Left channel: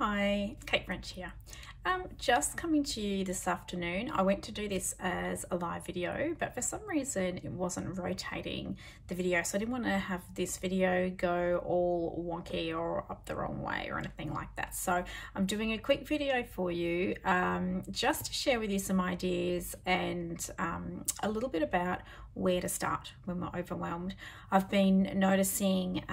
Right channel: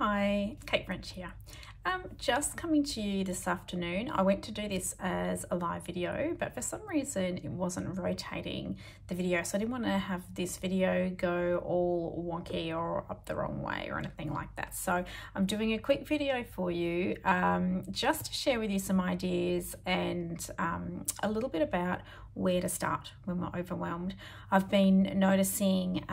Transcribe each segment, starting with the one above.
Hi, Kate French here. Just coming to you this afternoon. I went to do this as a live video, but for some reason it wasn't rotating the video, so I didn't want to have this video go all wonky or up the wrong way or anything like that. So I'm doing a quick video for you just to share with you some ideas and a little bit about where to start when we're overwhelmed. I've been noticing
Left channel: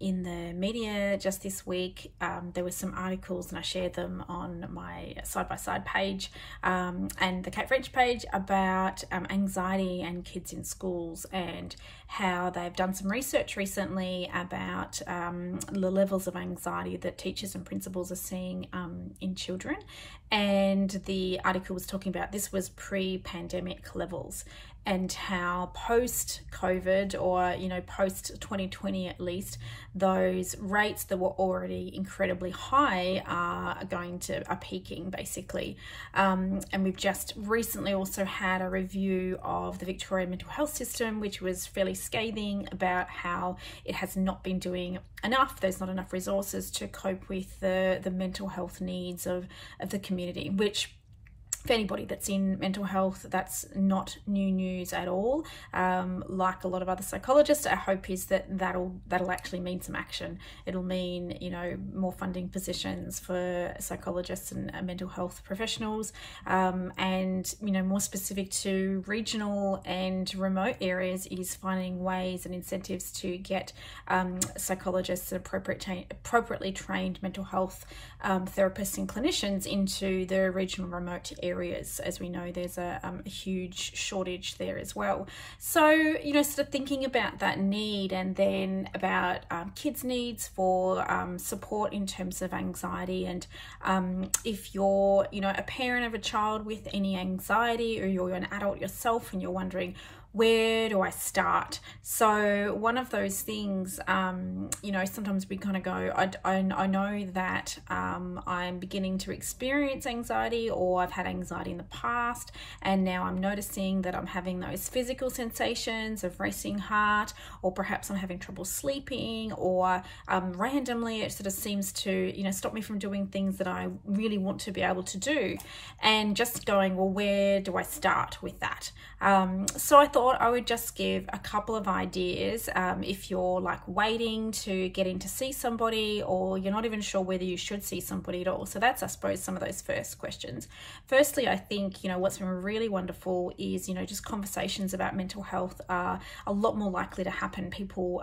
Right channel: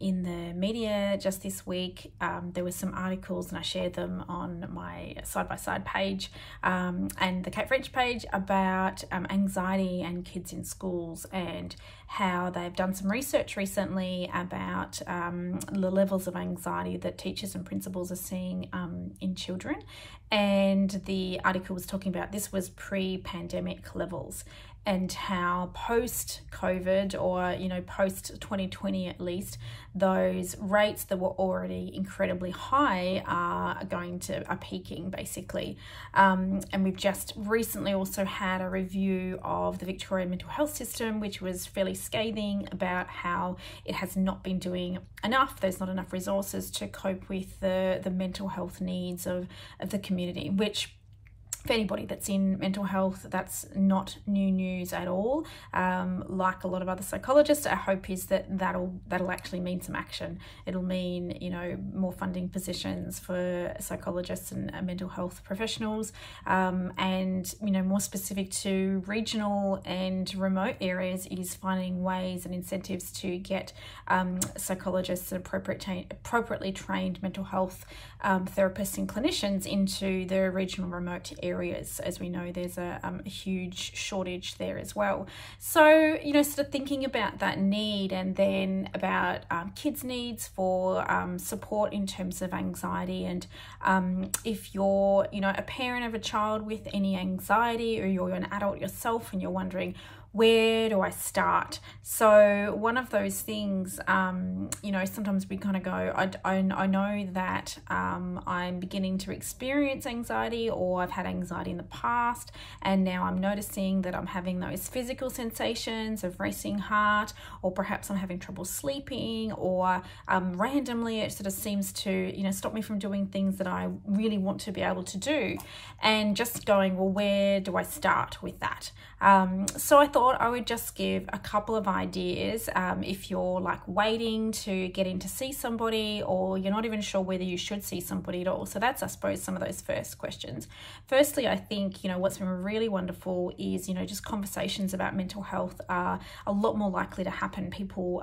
in the media just this week, there were some articles and I shared them on my side-by-side page and the Kate French page about anxiety and kids in schools, and how they've done some research recently about the levels of anxiety that teachers and principals are seeing in children. And the article was talking about this was pre-pandemic levels, and how post-COVID, or post-2020 at least, those rates that were already incredibly high are peaking basically. And we've just recently also had a review of the Victorian mental health system, which was fairly scathing about how it has not been doing enough. There's not enough resources to cope with the mental health needs of the community, which for anybody that's in mental health, that's not new news at all. Like a lot of other psychologists, our hope is that that'll actually mean some action. It'll mean, more funding positions for psychologists and mental health professionals, and more specific to regional and remote areas, is finding ways and incentives to get psychologists and appropriately trained mental health therapists and clinicians into the regional remote areas. As we know, there's a huge shortage there as well. So, sort of thinking about that need, and then about kids' needs for support in terms of anxiety. And if you're, a parent of a child with any anxiety, or you're an adult yourself and you're wondering, where do I start? So one of those things, sometimes we kind of go, I know that I'm beginning to experience anxiety, or I've had anxiety in the past, and now I'm noticing that I'm having those physical sensations of racing heart, or perhaps I'm having trouble sleeping, or randomly it sort of seems to, stop me from doing things that I really want to be able to do. And just going, well, where do I start with that? So I thought I would just give a couple of ideas if you're like waiting to get in to see somebody, or you're not even sure whether you should see somebody at all. So that's, I suppose, some of those first questions. Firstly, I think, what's been really wonderful is, just conversations about mental health are a lot more likely to happen. People,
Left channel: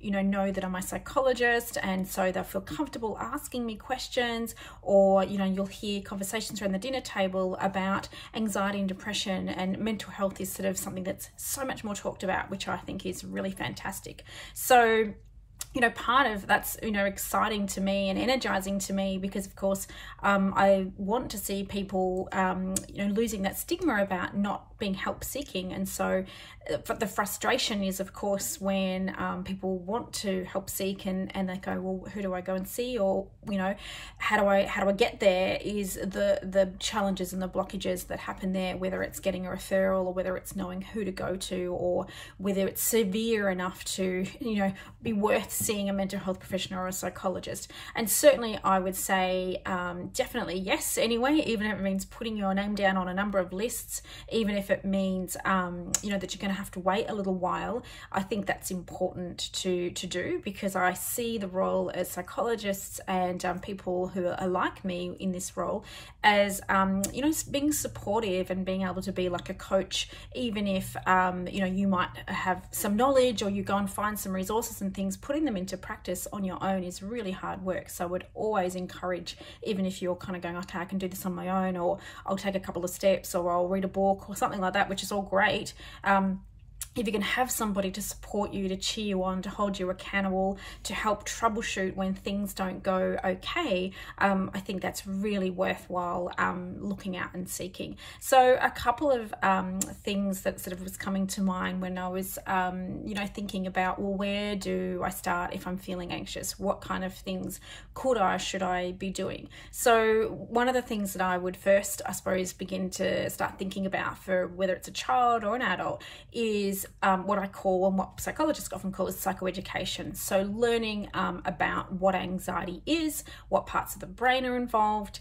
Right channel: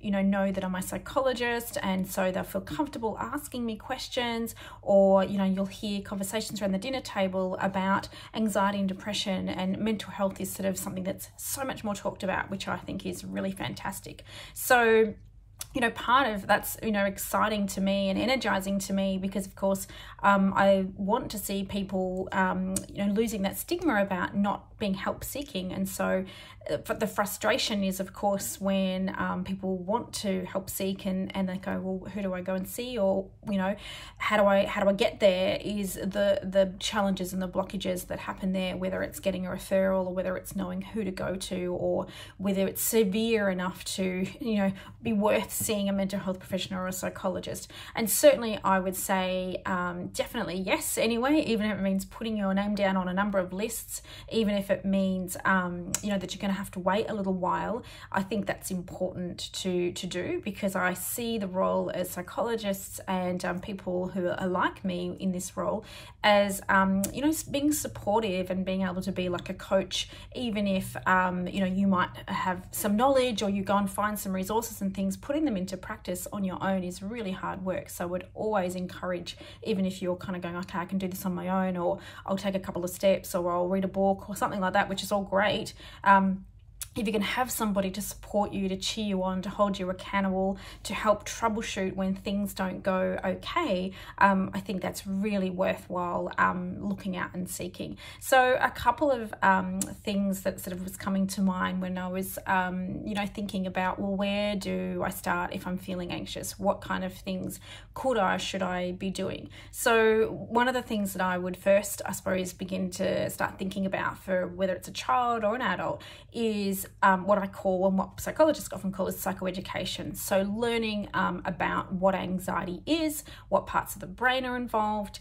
know that I'm a psychologist, and so they'll feel comfortable asking me questions, or, you'll hear conversations around the dinner table about anxiety and depression, and mental health is sort of something that's so much more talked about, which I think is really fantastic. So part of that's, exciting to me and energizing to me, because of course, I want to see people, losing that stigma about not being help seeking. And so the frustration is, of course, when people want to help seek and they go, well, who do I go and see? Or, how do I get there, is the challenges and the blockages that happen there, whether it's getting a referral, or whether it's knowing who to go to, or whether it's severe enough to, be worth seeing a mental health professional or a psychologist. And certainly I would say definitely yes anyway, even if it means putting your name down on a number of lists, even if it means that you're going to have to wait a little while. I think that's important to do, because I see the role as psychologists and people who are like me in this role as being supportive and being able to be like a coach, even if you might have some knowledge, or you go and find some resources and things. Putting them into practice on your own is really hard work. So I would always encourage, even if you're kind of going, okay, I can do this on my own, or I'll take a couple of steps, or I'll read a book or something like that, which is all great. If you can have somebody to support you, to cheer you on, to hold you accountable, to help troubleshoot when things don't go okay, I think that's really worthwhile looking at and seeking. So a couple of things that sort of was coming to mind when I was, thinking about, well, where do I start if I'm feeling anxious? What kind of things should I be doing? So one of the things that I would first, I suppose, begin to start thinking about, for whether it's a child or an adult, is is what I call, and what psychologists often call, is psychoeducation. So learning about what anxiety is, what parts of the brain are involved,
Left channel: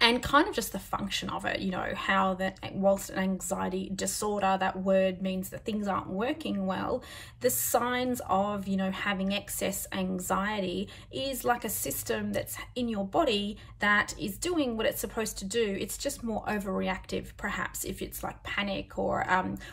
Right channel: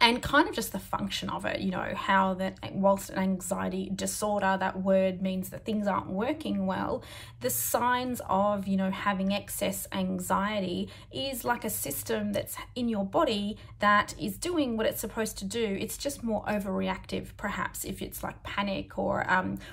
and kind of just the function of it, you know, how that, whilst an anxiety disorder, that word means that things aren't working well, the signs of, you know, having excess anxiety is like a system that's in your body that is doing what it's supposed to do. It's just more overreactive, perhaps, if it's like panic or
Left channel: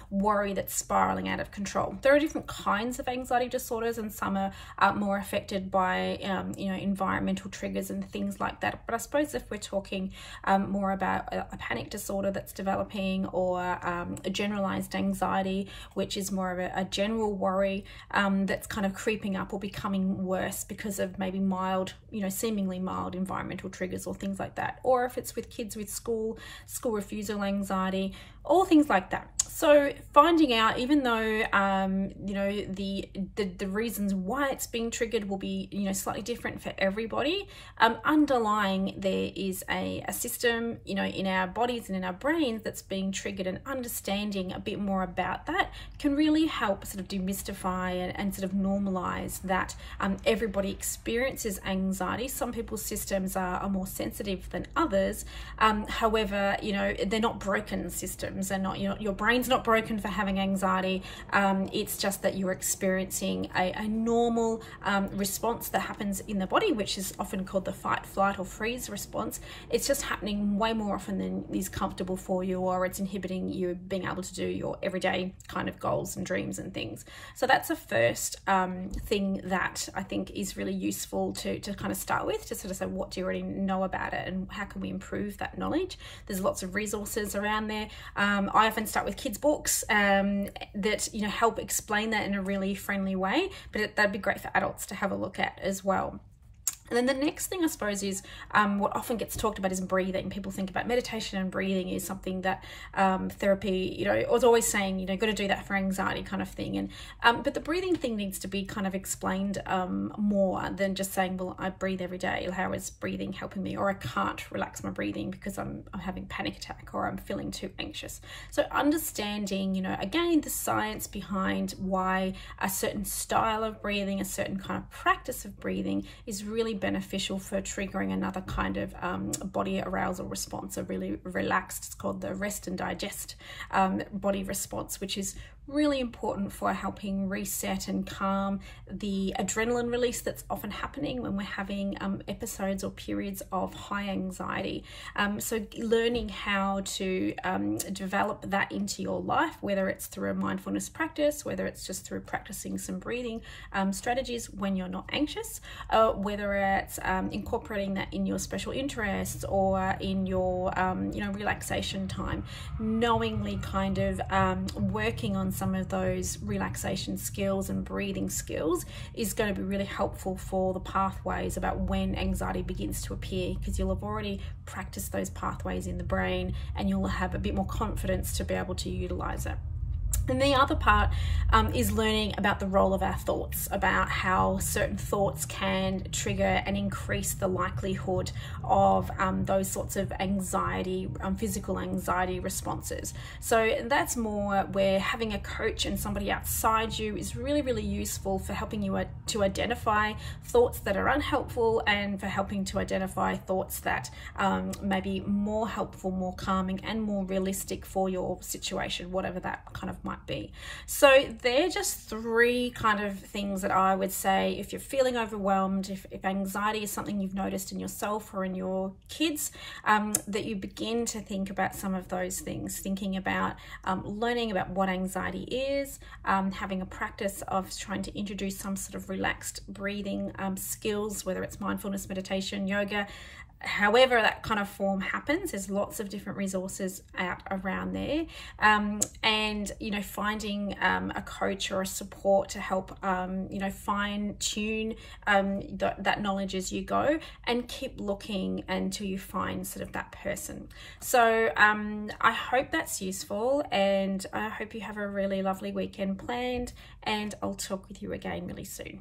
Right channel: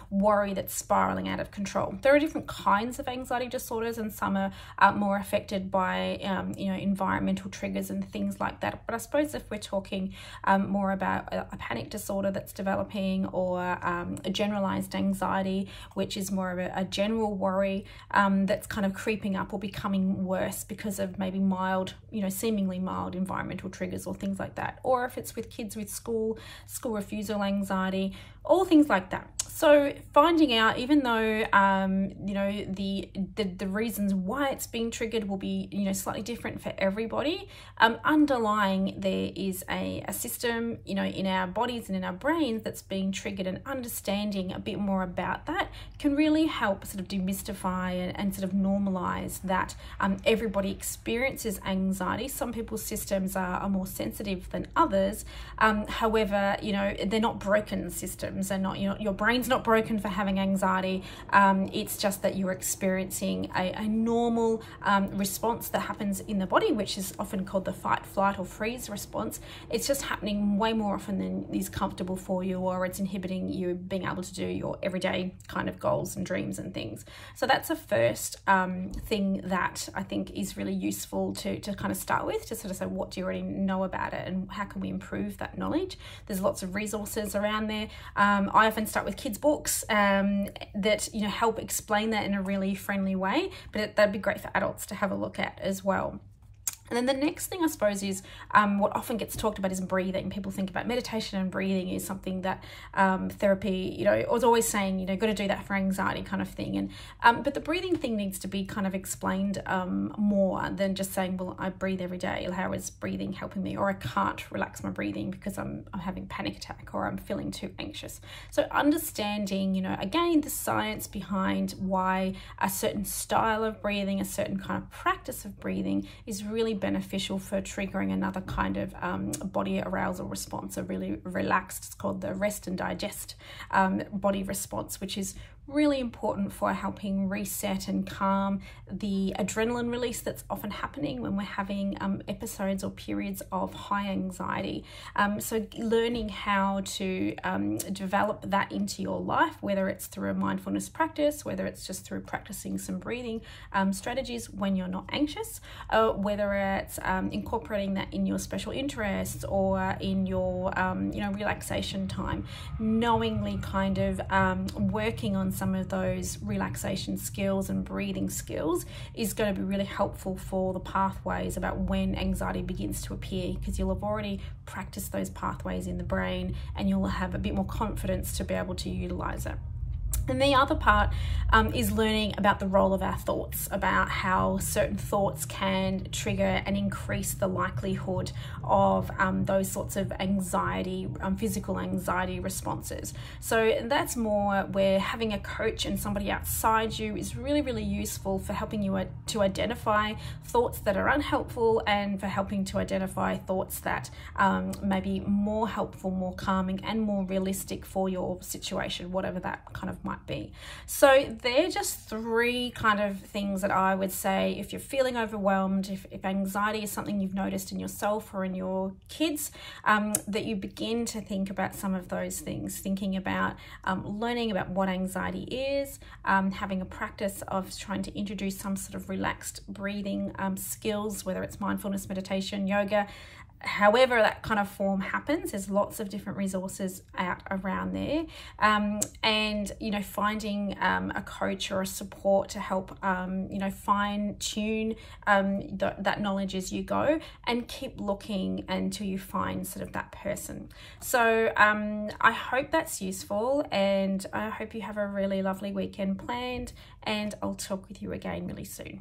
worry that's spiraling out of control. There are different kinds of anxiety disorders, and some are more affected by, you know, environmental triggers and things like that. But I suppose if we're talking more about a panic disorder that's developing, or a generalized anxiety, which is more of a general worry that's kind of creeping up or becoming worse because of maybe mild, you know, seemingly mild environmental triggers or things like that. Or if it's with kids with school refusal anxiety, all things like that. So finding out, even though you know, the reasons why it's being triggered will be, you know, slightly different for everybody, underlying there is a system, you know, in our bodies and in our brains that's being triggered, and understanding a bit more about that can really help sort of demystify and sort of normalize that everybody experiences anxiety. Some people's systems are more sensitive than others. However, you know, they're not broken systems. They're not, you know, your brain's not broken for having anxiety. It's just that you're experiencing a normal response that happens in the body, which is often called the fight, flight, or freeze response. It's just happening way more often than is comfortable for you, or it's inhibiting you being able to do your everyday kind of goals and dreams and things. So that's the first thing that I think is really useful to kind of start with, to sort of say, what do you already know about it, and how can we improve that knowledge? There's lots of resources around there. I often start with kids' books that, you know, help explain that in a really friendly way, but that'd be great for adults to have a look at as well. And then the next thing, I suppose, is what often gets talked about is breathing. People think about meditation, and breathing is something that therapy, you know, is always saying, you know, got to do that for anxiety kind of thing. And but the breathing thing needs to be kind of explained more than just saying, well, I breathe every day. How is breathing helping me? Or I can't relax my breathing because I'm having panic attack, or I'm feeling too anxious. So understanding, you know, again, the science behind why a certain style of breathing, a certain kind of practice of breathing is really beneficial for triggering another kind of body arousal response, a really relaxed, it's called the rest and digest body response, which is really important for helping reset and calm the adrenaline release that's often happening when we're having episodes or periods of high anxiety. So learning how to develop that into your life, whether it's through a mindfulness practice, whether it's just through practicing some breathing strategies when you're not anxious, whether it's incorporating that in your special interests or in your you know, relaxation time, knowingly kind of working on some of those relaxation skills and breathing skills is going to be really helpful for the pathways about when anxiety begins to appear, because you'll have already practiced those pathways in the brain, and you'll have a bit more confidence to be able to utilize it. And the other part is learning about the role of our thoughts, about how certain thoughts can trigger and increase the likelihood of those sorts of anxiety, physical anxiety responses. So that's more where having a coach and somebody outside you is really, really useful for helping you to identify thoughts that are unhelpful, and for helping to identify thoughts that may be more helpful, more calming, and more realistic for your situation, whatever that kind of might be. So they're just three kind of things that I would say, if you're feeling overwhelmed, if anxiety is something you've noticed in yourself or in your kids, that you begin to think about some of those things, thinking about learning about what anxiety is, having a practice of trying to introduce some sort of relaxed breathing skills, whether it's mindfulness, meditation, yoga, however that kind of form happens. There's lots of different resources out around there, and you know, finding a coach or a support to help you know, fine tune that knowledge as you go, and keep looking until you find sort of that person. So I hope that's useful, and I hope you have a really lovely weekend planned, and I'll talk with you again really soon.